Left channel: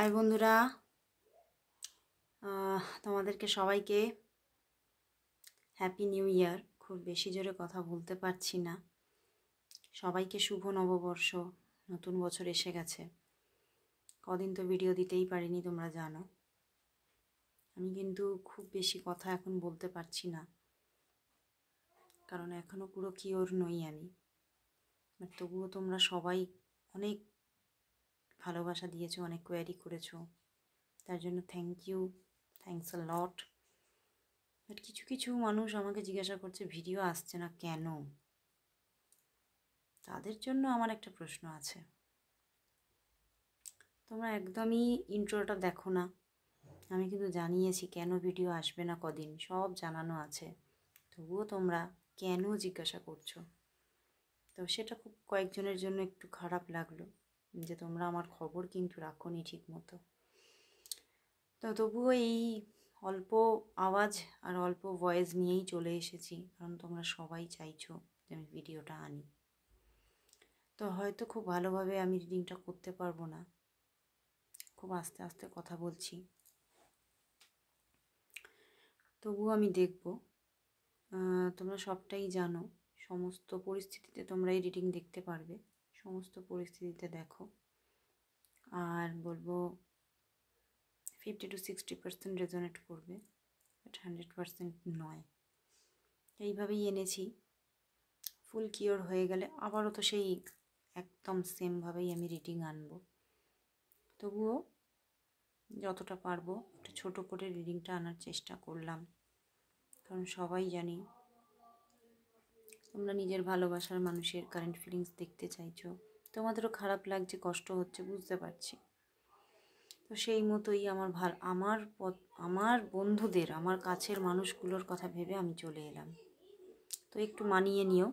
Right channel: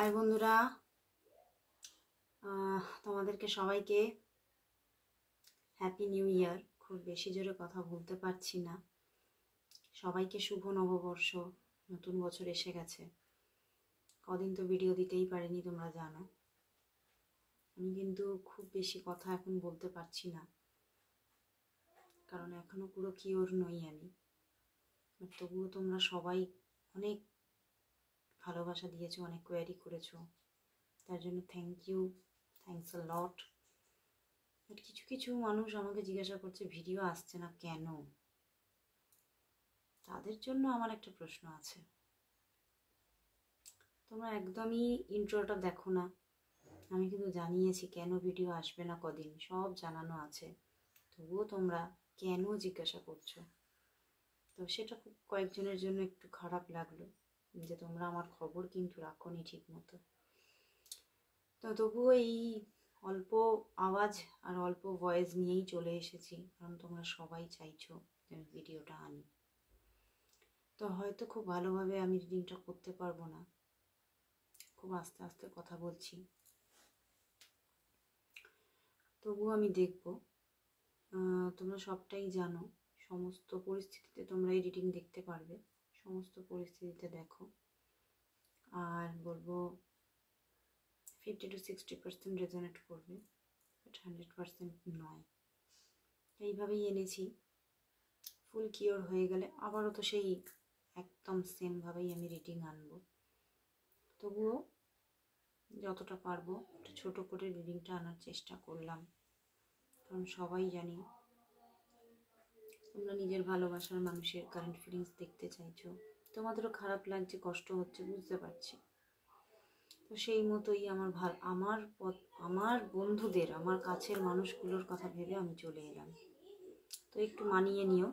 High বন্ধুরা, তোমাদেরকে সবাইকে হ্যাপি নিউ ইয়ার। খুব বেশি জোরে কথা বলতে পারছি না। সবাইকে শুভ নববর্ষ, নতুন বছর এসে গেছে। কদিন তো ভিডিও দিতেই পারিনি, তোমরা জানো। আমি কিন্তু খুব বেশি কথা এখন বলতে পারছি না, কারণ এখনও পুরো কিওর নই আমি। বাট তবুও তোমরা সবাই অনেক ভালোবাসা দিয়েছো, অনেক কোয়ারি করেছো, তার জন্য থ্যাংকস আ লট। বাট কিছু কিছু মানুষ আমাকে জিজ্ঞাসা করছে ভিডিও আসছে না কেন। তাদের জন্য আমার একটা প্রশ্ন আছে। তোমরা একদমই ইন্ট্রোটা দেখো না। আমি কিন্তু জানিয়েছি কেন ভিডিও আসবে না কদিন, সব জানানো আছে। তবুও তোমরা কেন জিজ্ঞাসা করছো। তো সেটা খুব কয়েকজনের জন্য একটু খারাপ লাগলো, যে তোমরা আমার খবর কিন্তু রাখোনি ঠিক মতো। তো তবুও এই অল্প আওয়াজ আর অল্প ভয়েস নিয়েই চলে এসেছি, কারণ তোমরা সবাই চাইছো যে আমি ভিডিওটা আনি। তো হয়তো খুব ভালোভাবে আমি রিডিংটা করতে পারবো না, খুব আস্তে আস্তে কথা বলছি, তবুও আমি দেখব। তোমরা সবটাই জানো, সমস্ত পরিস্থিতিতে তোমরা এই রিডিং দেখতে পারবে, সমস্ত পরিস্থিতিতে দেখো। আর বলবো 50 to 60% রেজোনেট করবে, বাট 100% নয়। এইভাবেই এনেছি। ফুল কিওর হয়ে গেলে আবারও তো সেই একদম সেমভাবেই আমি রিডিং আনবো। তবুও যতটা পারবো একটু ছোটো করে রিডিংটা আনার চেষ্টা করলাম, কারণ সবাই জানি তোমরা নিজের ভালোবাসার মানুষের কারেন্ট ফিলিংস দেখতে চাইছো। তোমাদেরও খারাপ লাগছে, কষ্ট হচ্ছে, বুঝতে পারছি। তো সেই মতোই আমার বন্ধুদের, আমার কাছের মানুষগুলোর কথা ভেবে আমি চলে এলাম। তো একটু মানিয়ে নিও।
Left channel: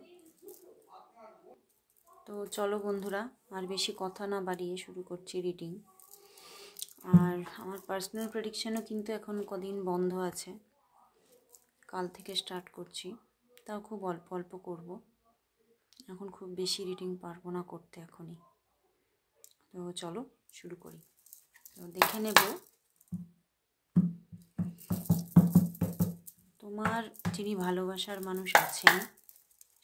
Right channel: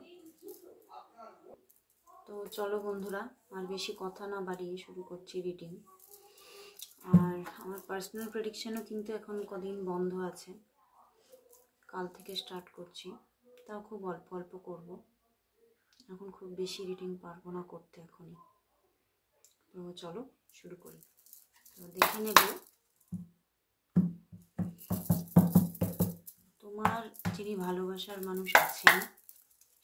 তো চলো বন্ধুরা, আর বেশি কথা না বাড়িয়ে শুরু করছি রিডিং। আর আমার পার্সোনাল প্রেডিকশানও কিন্তু এখন কদিন বন্ধ আছে, কাল থেকে স্টার্ট করছি। তাও খুব অল্প অল্প করব, এখন খুব বেশি রিডিং পারবো না করতে এখনই। তো চলো শুরু করি। তো দেখে নেব তোমার যিনি ভালোবাসার মানুষ আছেন,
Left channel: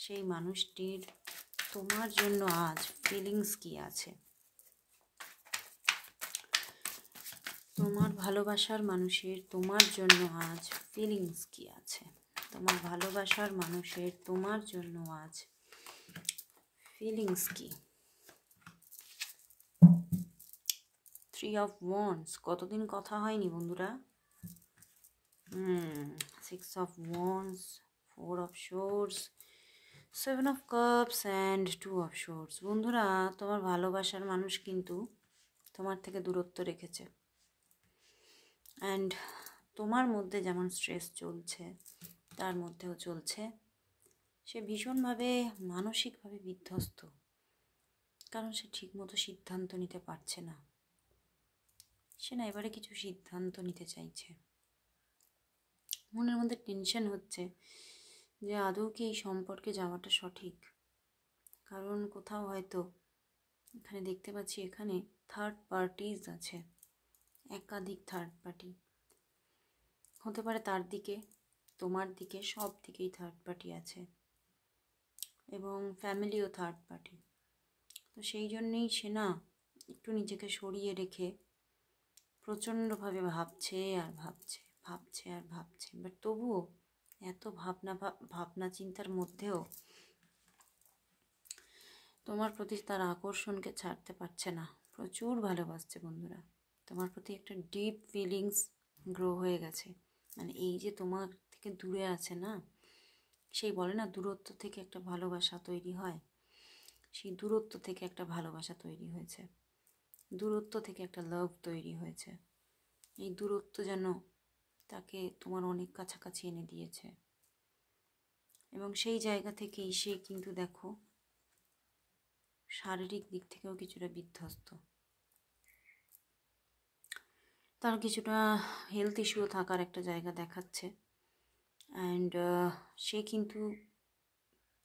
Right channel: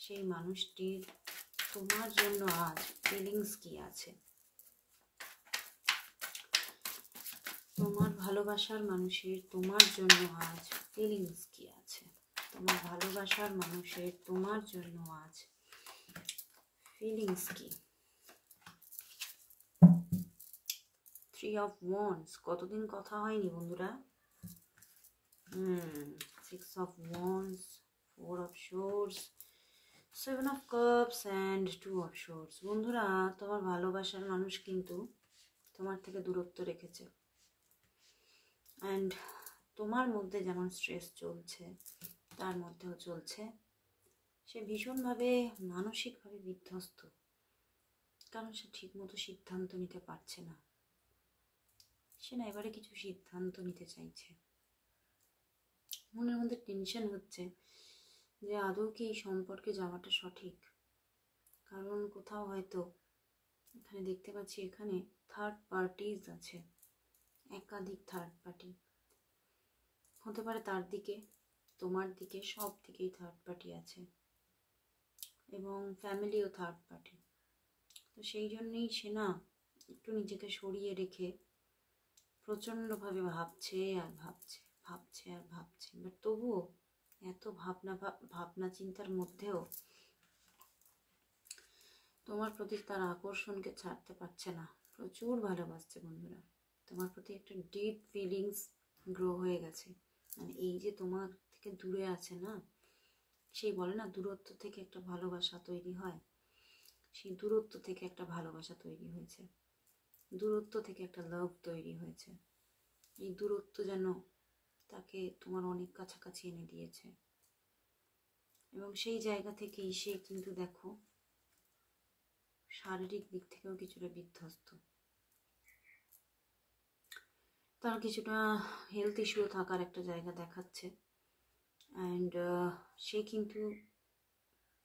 সেই মানুষটির তোমার জন্য আজ ফিলিংস কি আছে। তোমার ভালোবাসার মানুষের তোমার জন্য আজ ফিলিংস কি আছে। তোমার ভালোবাসার মানুষের তোমার জন্য আজ ফিলিংস কি। 3 of Wands, কতদিন কথা হয়নি বন্ধুরা। 6 of Wands, 4 of Swords, 7 of Cups and 2 of Swords। বন্ধুরা, তোমার ভালোবাসার মানুষ কিন্তু তোমার থেকে দূরত্ব রেখেছে। অ্যান্ড তোমার মধ্যে যেমন স্ট্রেস চলছে, তার মধ্যেও চলছে সে ভীষণভাবে মানসিকভাবে বিধ্বস্ত, কারণ সে ঠিকমতো সিদ্ধান্ত নিতে পারছে না। সে না এবারে কিছু সিদ্ধান্ত নিতে চাইছে। মনের মধ্যে টেনশন হচ্ছে যে আদৌ কি এই সম্পর্কে যাওয়াটা সঠিক। কারণ কোথাও হয়তো এখানে দেখতে পাচ্ছি, এখানে থার্ড পার্টিজ আছে, একাধিক থার্ড পার্টি হতে পারে। তার দিকে, তোমার দিকে, সব দিকেই থার্ড পার্টি আছে, এবং ফ্যামিলিও থার্ড পার্টি। তো সেই জন্যেই সে না একটু নিজেকে সরিয়ে রেখে প্রচণ্ডভাবে ভাবছে আর ভাবছে, ভাবছে আর ভাবছে। বাট তবুও এত ভাবনা চিন্তার মধ্যেও তোমার প্রতি তার আকর্ষণকে ছাড়তে পারছে না। প্রচুর ভালোবাসছে বন্ধুরা, তোমার প্রতি একটা ডিপ ফিলিংস গ্রো হয়ে গেছে। মানে এই যে তোমার থেকে দূরে আছে না, সেই বলে না দূরত্ব থেকে একটা ভালোবাসা তৈরি হয়, সেই দূরত্ব থেকে একটা ভালোবাসা তৈরি হয়েছে, দূরত্ব থেকে একটা লাভ তৈরি হয়েছে। এই দূরত্ব যেন তাকে তোমার অনেক কাছাকাছি এনে দিয়েছে, এবং সেই জায়গা থেকেই সে কিন্তু দেখো শারীরিক দিক থেকেও কিছুটা বিধ্বস্ত। তার কিছুটা হেলথ ইস্যুও থাকার একটা জায়গা দেখাচ্ছে। অ্যান্ড সে কিন্তু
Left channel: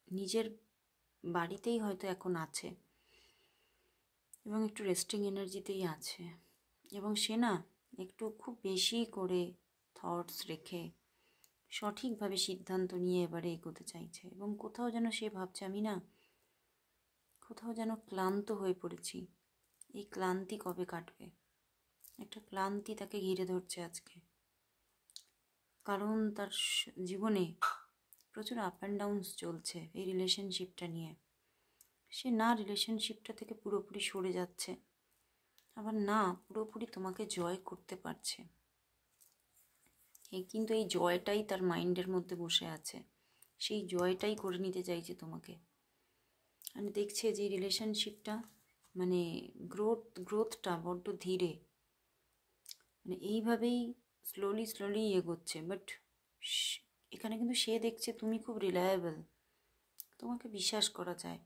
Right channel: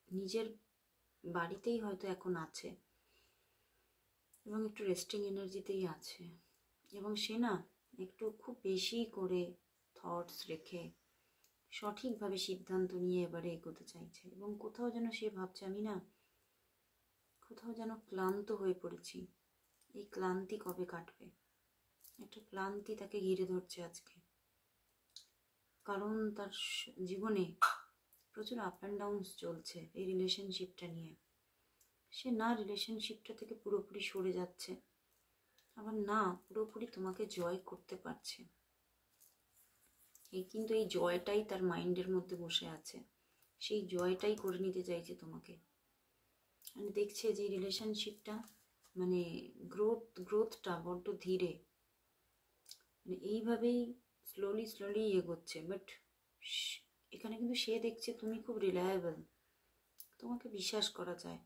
নিজের বাড়িতেই হয়তো এখন আছে, এবং একটু রেস্টিং এনার্জিতেই আছে। এবং সে না একটু খুব বেশি করে থটস রেখে সঠিকভাবে সিদ্ধান্ত নিয়ে এবারে এগোতে চাইছে। এবং কোথাও যেন সে ভাবছে আমি না কোথাও যেন ক্লান্ত হয়ে পড়েছি, এই ক্লান্তি কবে কাটবে। একটা ক্লান্তি তাকে ঘিরে ধরছে আজকে, কারণ তার জীবনে প্রচুর আপ অ্যান্ড ডাউনস চলছে এই রিলেশনশিপটা নিয়ে। সে না রিলেশনশিপটা থেকে পুরোপুরি সরে যাচ্ছে, আবার না পুরোপুরি তোমাকে জয় করতে পারছে। কিন্তু এই জয়টাই তার মাইন্ডের মধ্যে বসে আছে, সেই জয়টাই করে নিতে চাইছে তোমাকে। মানে দেখছে যে রিলেশনশিপটা মানে গ্রোথটা বড্ড ধীরে, মানে এইভাবেই স্লোলি এগোচ্ছে। বাট এখানে কিন্তু সে দেখছে তুমি খুব রিলায়েবল, তোমাকে বিশ্বাস করা যায়,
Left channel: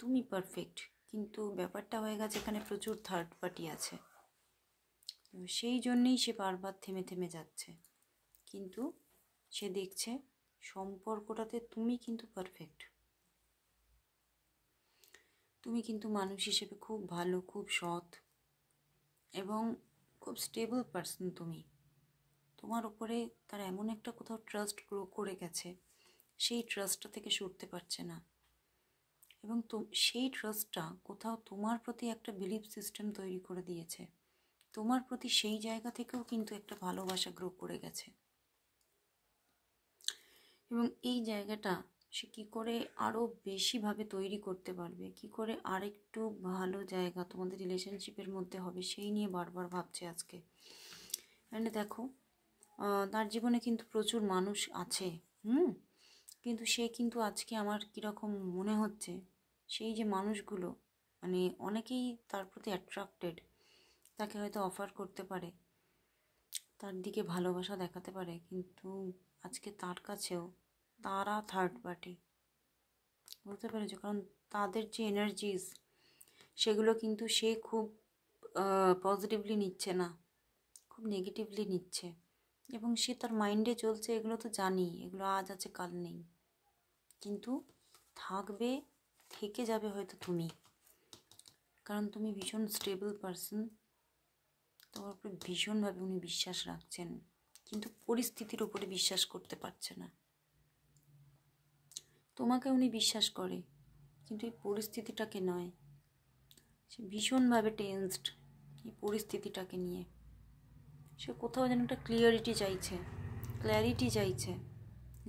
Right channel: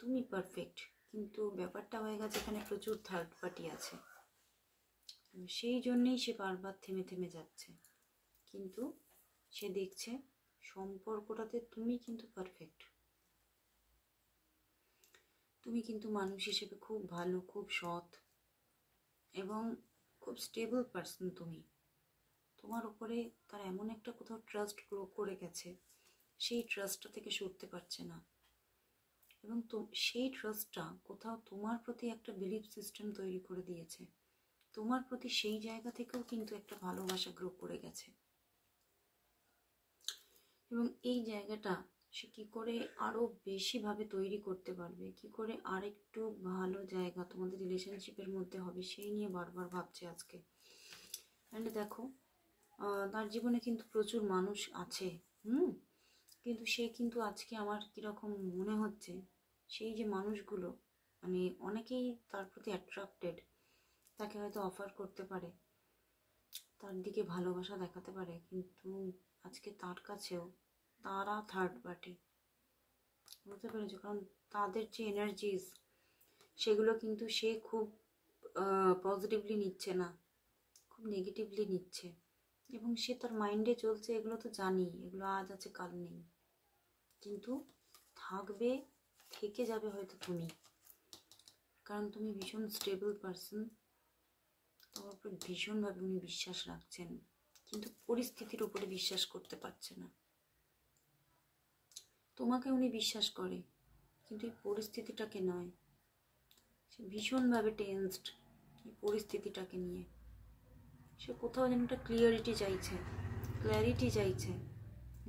তুমি পারফেক্ট। কিন্তু ব্যাপারটা হয়ে গেছে এখানে প্রচুর থার্ড পার্টি আছে, সেই জন্যেই সে বারবার থেমে থেমে যাচ্ছে। কিন্তু সে দেখছে সম্পর্কটাতে তুমি কিন্তু পারফেক্ট, তুমি কিন্তু মানুষ হিসেবে খুব ভালো, খুব সৎ এবং খুব স্টেবল পার্সন। তোমার উপরে তার এমন একটা কোথাও ট্রাস্ট গ্রো করে গেছে, সেই ট্রাস্টটা থেকে সরতে পারছে না। এবং সেই ট্রাস্টটা কোথাও তোমার প্রতি একটা বিলিফ সিস্টেম তৈরি করে দিয়েছে, তোমার প্রতি সেই জায়গা থেকেও কিন্তু একটা ভালোবাসা গ্রো করে গেছে। এবং এই জায়গাটা সে কী করে আরও বেশিভাবে তৈরি করতে পারবে, কী করে আরেকটু ভালো জায়গা তোমাদের রিলেশনশিপের মধ্যে হবে, সেই নিয়ে বারবার ভাবছে আজকে। মানে দেখো তার জীবনে কিন্তু প্রচুর মানুষ আছে, কিন্তু সে কিন্তু আজকে আমার কীরকম মনে হচ্ছে, সেই যে মানুষগুলো মানে অনেকেই তার প্রতি অ্যাট্রাক্টেড, তাকে হয়তো অফার করতে পারে, তার দিকে ভালোবাসা দেখাতে পারে, কিন্তু আজকে তার কাছেও তারা থার্ড পার্টি, বুঝতে পেরেছো? কারণ তাদের যে এনার্জিস সেগুলো কিন্তু সে খুব পজিটিভলি নিচ্ছে না, খুব নেগেটিভলি নিচ্ছে। এবং সে তার মাইন্ডে চলছে এগুলো তো জানি, এগুলো আজ আছে কাল নেই, কিন্তু থাকবে, থেকে যাবে হয়তো তুমি, কারণ তুমি ভীষণ স্টেবল পারসন, তোমার উপরে ভীষণভাবে উনি বিশ্বাস রাখছেন, কিন্তু পরিস্থিতির উপরে বিশ্বাস করতে পারছে না। তোমাকে উনি বিশ্বাস করে, কিন্তু এই পরিস্থিতিটাকে নয়। সে ভীষণভাবে টেন্সড এই পরিস্থিতিটাকে নিয়ে। সে কোথাও যেন একটা ক্ল্যারিটি চাইছে,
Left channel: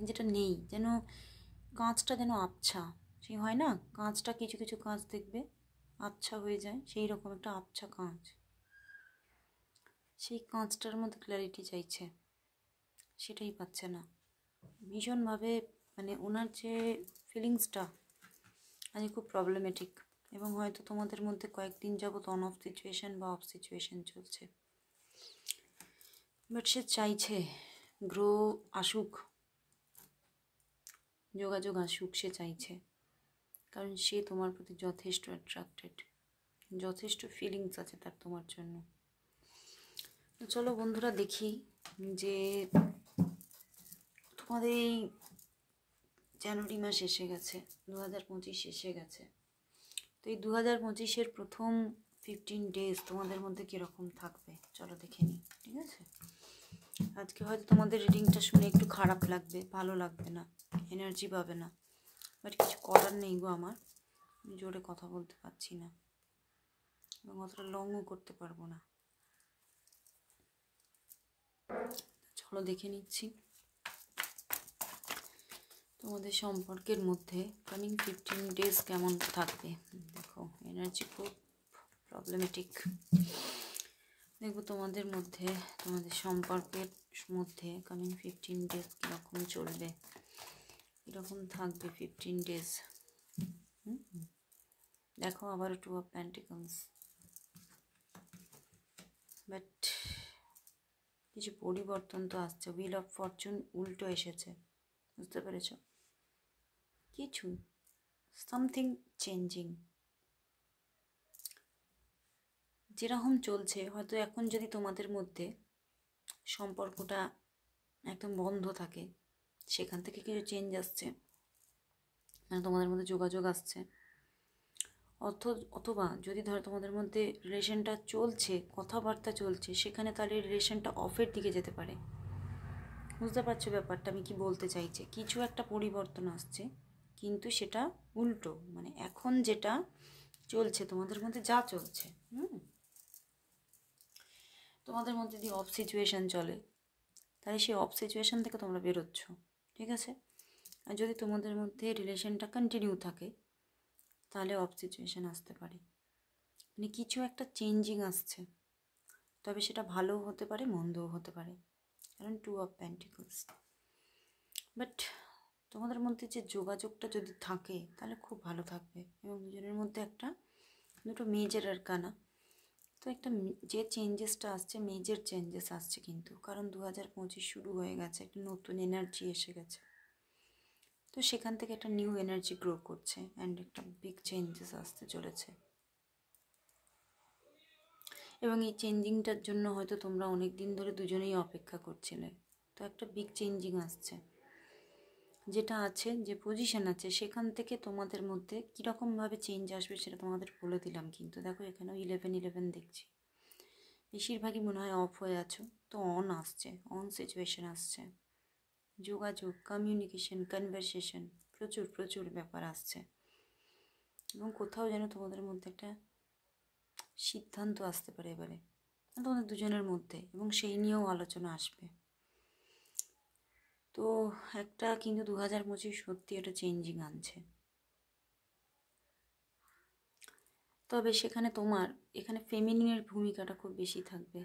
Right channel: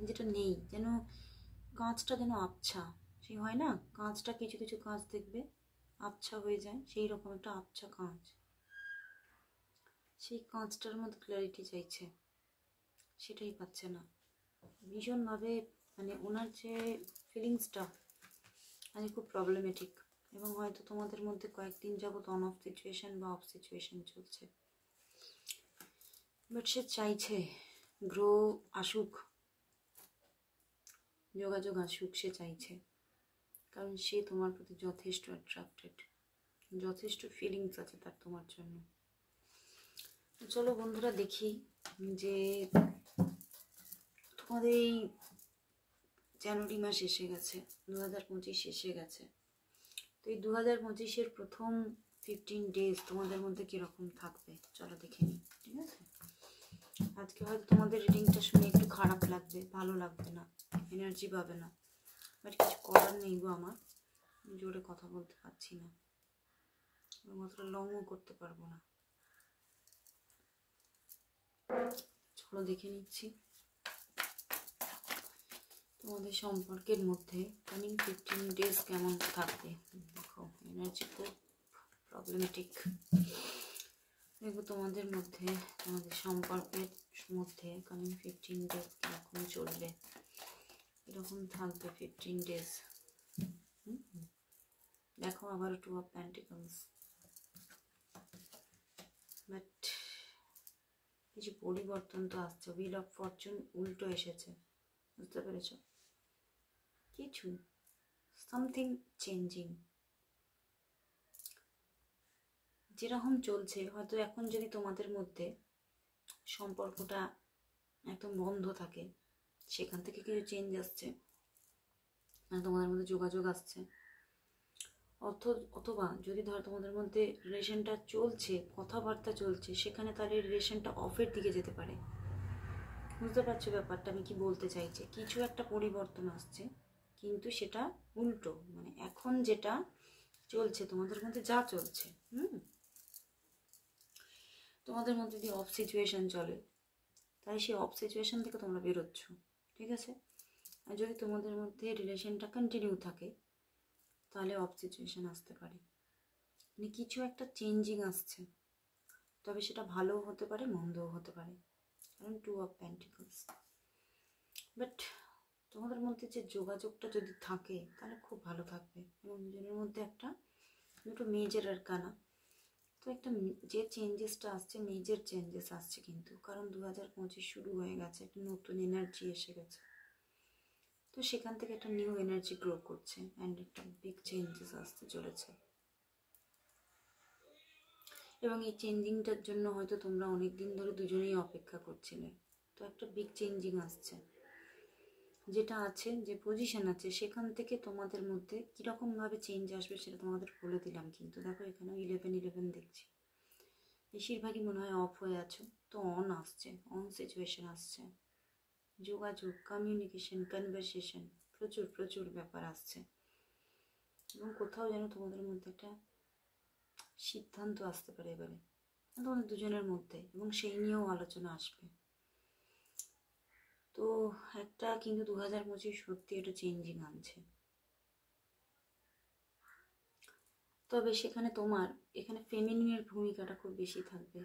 যেটা নেই। যেন কাঁচটা যেন আবছা, সেই হয় না কাঁচটা, কিছু কিছু কাঁচ দেখবে আবছা হয়ে যায়, সেই রকম একটা আবছা কাঁচ, সেই কাঁচটার মধ্যে ক্ল্যারিটি চাইছে, সেটাই পাচ্ছে না। ভীষণভাবে মানে ওনার যে ফিলিংসটা আজ খুব প্রবলেমেটিক, এবং হয়তো তোমাদের মধ্যে কয়েকদিন যাবত অন অফ সিচুয়েশান বা অফ সিচুয়েশান চলছে। বাট সে চাইছে গ্রো আসুক, যোগাযোগ আসুক, সে চাইছে, কারণ সে তোমার প্রতি যথেষ্ট অ্যাট্রাক্টেড, যথেষ্ট ফিলিংস আছে তার তোমার জন্য। তো চলো বন্ধুরা দেখি যে তোমাদের এই জানুয়ারি মাস এসে গেছে, 2025 এসে গেছে। তো এই 2025-এর প্রথম 15 ডেজ তোমাদের মধ্যে কীরকম থাকবে চলো দেখে নিই, ঠিক আছে? আজকে হয়তো তোমাদের রিডিংটা শুনে একটু খারাপ লাগবে, ভালো লাগবে না, এনার্জি পাবে না, বাট কিছু করার নেই গো আমার, আমি জোরে কথা বলতে পারছি না এবং অতটা লংও করতে পারবো না। চলো দেখে নিচ্ছি তোমাদের সম্পর্কের মধ্যে কামিং 15 ডেজ কেমন থাকবে। দেখো এনার্জি খুব প্রবলেমেটিক। দেখবো তোমাদের মধ্যে, তোমাদের সম্পর্কের মধ্যে কামিং 15 ডেজ কীরকম চলবে, কীরকম থাকবে 15 ডেজ। দেখো আবার 2 অফ পেন্টিকলস, বাট কিছু পরিবর্তন তো আসছে। হুইল অফ ফরচুন উল্টো এসেছে, বুঝতে পেরেছ? কিছু সামথিং চেঞ্জিং যেরকম চলছে, হয়তো এখন যদি তোমাদের মধ্যে সম্পর্কটা একদম বন্ধ থাকে, সেখান থেকে কিছু চেঞ্জ আসছে, মানে তোমাদের মধ্যে যোগাযোগ আসছে। অথবা যদি ধরো তোমাদের মধ্যে রিলেশনটা চলছে, কথাবার্তা চলছে, সেখানে তাহলে রিলেশনটা অফের দিকে যেতে পারে। বুঝতে পারছো ব্যাপারটা আমি কি বলতে চাইছি? কিছু একটা পরিবর্তন আসছে, কিন্তু সেটা উল্টো, মানে এখন যেটা চলছে তোমাদের মধ্যে, যা চলছে তোমাদের মধ্যে যদি অফ সিচুয়েশান চলে, তাহলে সেই অফ সিচুয়েশান থেকে তোমরা বেরোচ্ছ, ঠিক আছে? আর যদি তোমাদের মধ্যে রিলেশনটা কন্টিনিউ থাকে, তাহলে অফ সিচুয়েশান আসতে পারে, মানে কিছু একটা চেঞ্জিং আসছে। তবে সেটা ভালোও হতে পারে, মন্দও হতে পারে, কারণ 2 অফ পেন্টিকলস। বাট তোমাদের মধ্যে যে যোগাযোগটা যদি থাকে তাহলে খুব ভালো থাকবে, এবং দুজনের মধ্যে একটা দুটো মেজর আর কানা, তো একটা যে চেঞ্জেসটা আসছে, মেজর চেঞ্জেস আসছে কিন্তু, কারণ 2025 শুরু হয়ে গেছে, একটা নতুন এনার্জি এসে গেছে, তো সেখান থেকে একটা নিউ এনার্জি গ্রো করছে, অ্যান্ড একটা বিগ চেঞ্জেস আসতে চলেছে। এবং এই চেঞ্জিংটার জন্য হয়তো তোমরা অনেক দিন ধরে দুজনেই অপেক্ষা করছিলে, তো একটা বিগ চেঞ্জিং আসছে। যেটা আছে, যে পজিশন আছে, সেখান থেকে তোমাদের মধ্যে কীরকমভাবে চেঞ্জ আসবে সেটা তোমাদের বলে দিলাম। কিন্তু দেখো এখানেও 11 দেখছি, বেশিরভাগই মনে হয় অফ হয়ে আছো, তো অন আসছে, অন সিচুয়েশন আসছে, যোগাযোগ, কমিউনিকেশন, কনভারসেশন, প্রচুর প্রচুর ব্যাপার আসছে, এবং কোথাও যেন তোমাদের মধ্যে একটা সিদ্ধান্ত আসতে পারে এবারে তোমাদের দুজনের মধ্যে, এবং সেই নিয়েও আলোচনা আসবে। তো একটা কিন্তু 2025 সত্যি একটা চেঞ্জিং আনছে। তবে সেখানে তোমার এখানে ফেমিনিনের ভূমিকাটা খুব বেশি থাকবে,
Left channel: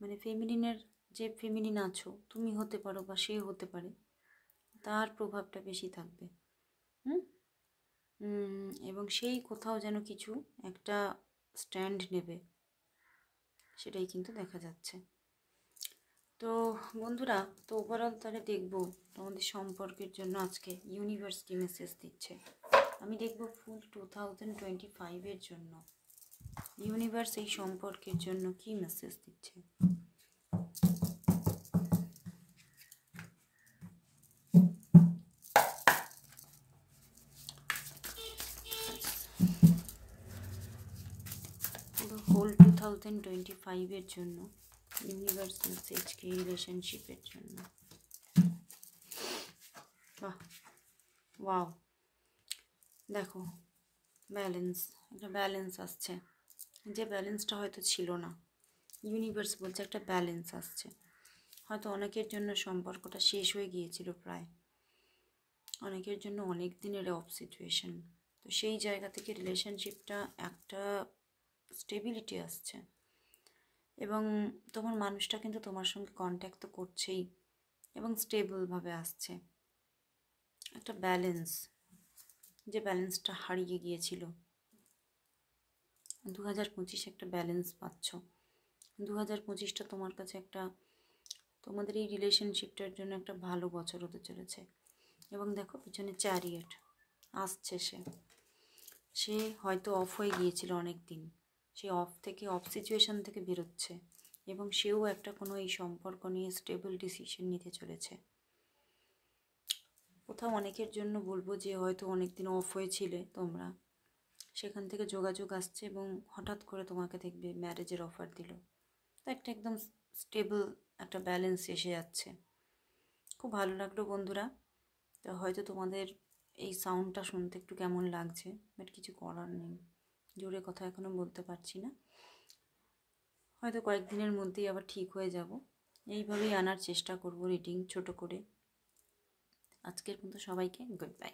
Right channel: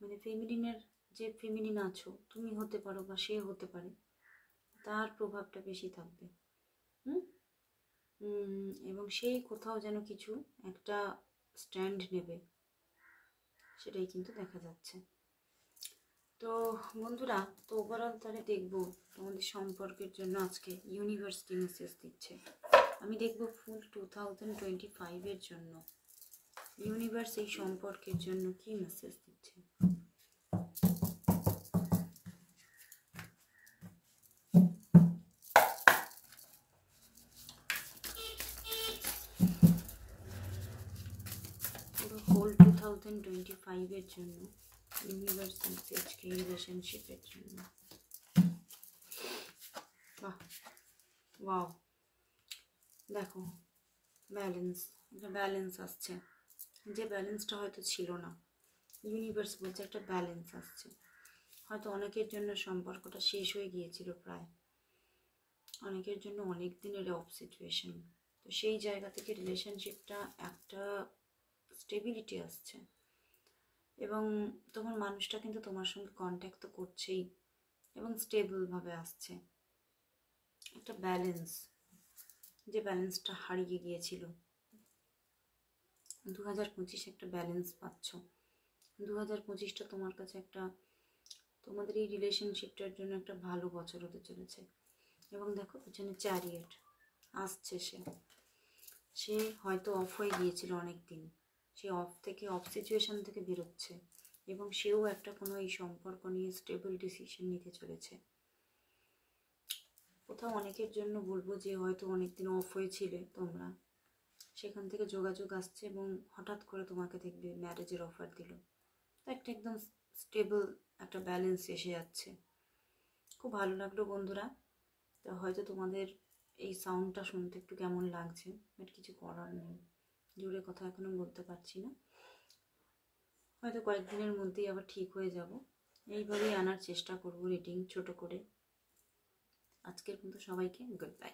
মানে ফেমিনিনের যে ফেমিনিন আছো তুমি হতে পারো বা সে হতে পারে, তার প্রভাবটা বেশি থাকবে। এবং সেই কোথাও যেন কিছু একটা স্ট্যান্ড নেবে, সেটাই কিন্তু দেখা যাচ্ছে। তো বন্ধুরা, তো ওভারঅল তাহলে দেখবো তোমাদের সম্পর্কের জন্য আজকে ইউনিভার্স কি মেসেজ দিচ্ছে। আমি দেখবো ফুল 2025-এর জন্য ইউনিভার্স এই সম্পর্কের জন্য কি মেসেজ দিচ্ছে। ফুল 2025-এর জন্য ইউনিভার্স মেসেজ কি রিলেশনশিপের জন্য। বাহ, ওয়াও, দেখো ব্যালেন্স, একটা ব্যালেন্স আসছে, যে ব্যালেন্সটা হয়তো ছিল না। ইউনিভার্স বলছে একটা ব্যালেন্স আসছে। হয়তো অনেকের জন্য সম্পর্কটা শেষ হয়ে গিয়েছিল প্রায়, অনেকের জন্য অনেক দিনের অফ সিচুয়েশন, তো সেই জায়গা থেকে রিলেশনশিপটা একটা স্টেবিলিটি আসছে, এবং তোমার মানুষটা কিন্তু তোমার সঙ্গে কন্ট্যাক্ট তো করছেই, এবং স্টেবলভাবে আসছে। একটা ব্যালেন্স, যে ব্যালেন্সটা হারিয়ে গিয়েছিল, 2025 একটা ব্যালেন্স পাচ্ছ। 2025টা তোমার কাছে একটা, তোমাদের এই রিলেশনশিপটার জন্য একটা ভালো বছর হতে চলেছে। এবং দেখো পিছনে চ্যারিয়েট আসছে, সে হয়তো অফ হয়ে গিয়েছিল অনেক দিন, সে অফ থেকে, অফ সিচুয়েশান থেকে বেরোচ্ছে, এবং সেও একটা কোনো এই সম্পর্ক নিয়ে স্টেবল ডিসিশন নিতে চলেছে। কোথাও অনেকের জন্য বলবো যে হয়তো অনেক দিন অফ হয়েছিলে তোমরা, সেখান থেকে যোগাযোগ আসছে, এবং হঠাৎ করে তোমাকে দেখবে ম্যারেজের অফার দিল, তো একটা একদম স্টেবল একটা ব্যালেন্স এসে যাচ্ছে। খুব ভালো লাগলো বন্ধুরা। তো হয়তো তোমাদের এই সাউন্ডটা শুনতে একটু কেমন লাগছে, বাট কিছু করার নেই, জোরে কথা এখনও বলতে পারছি না, হয়তো কয়েকদিনের মধ্যেই আবার ঠিক হয়ে যাব। এইভাবেই আনার চেষ্টা করব রিডিং ছোট করে। আজকের মতো সবাইকে গুড বাই।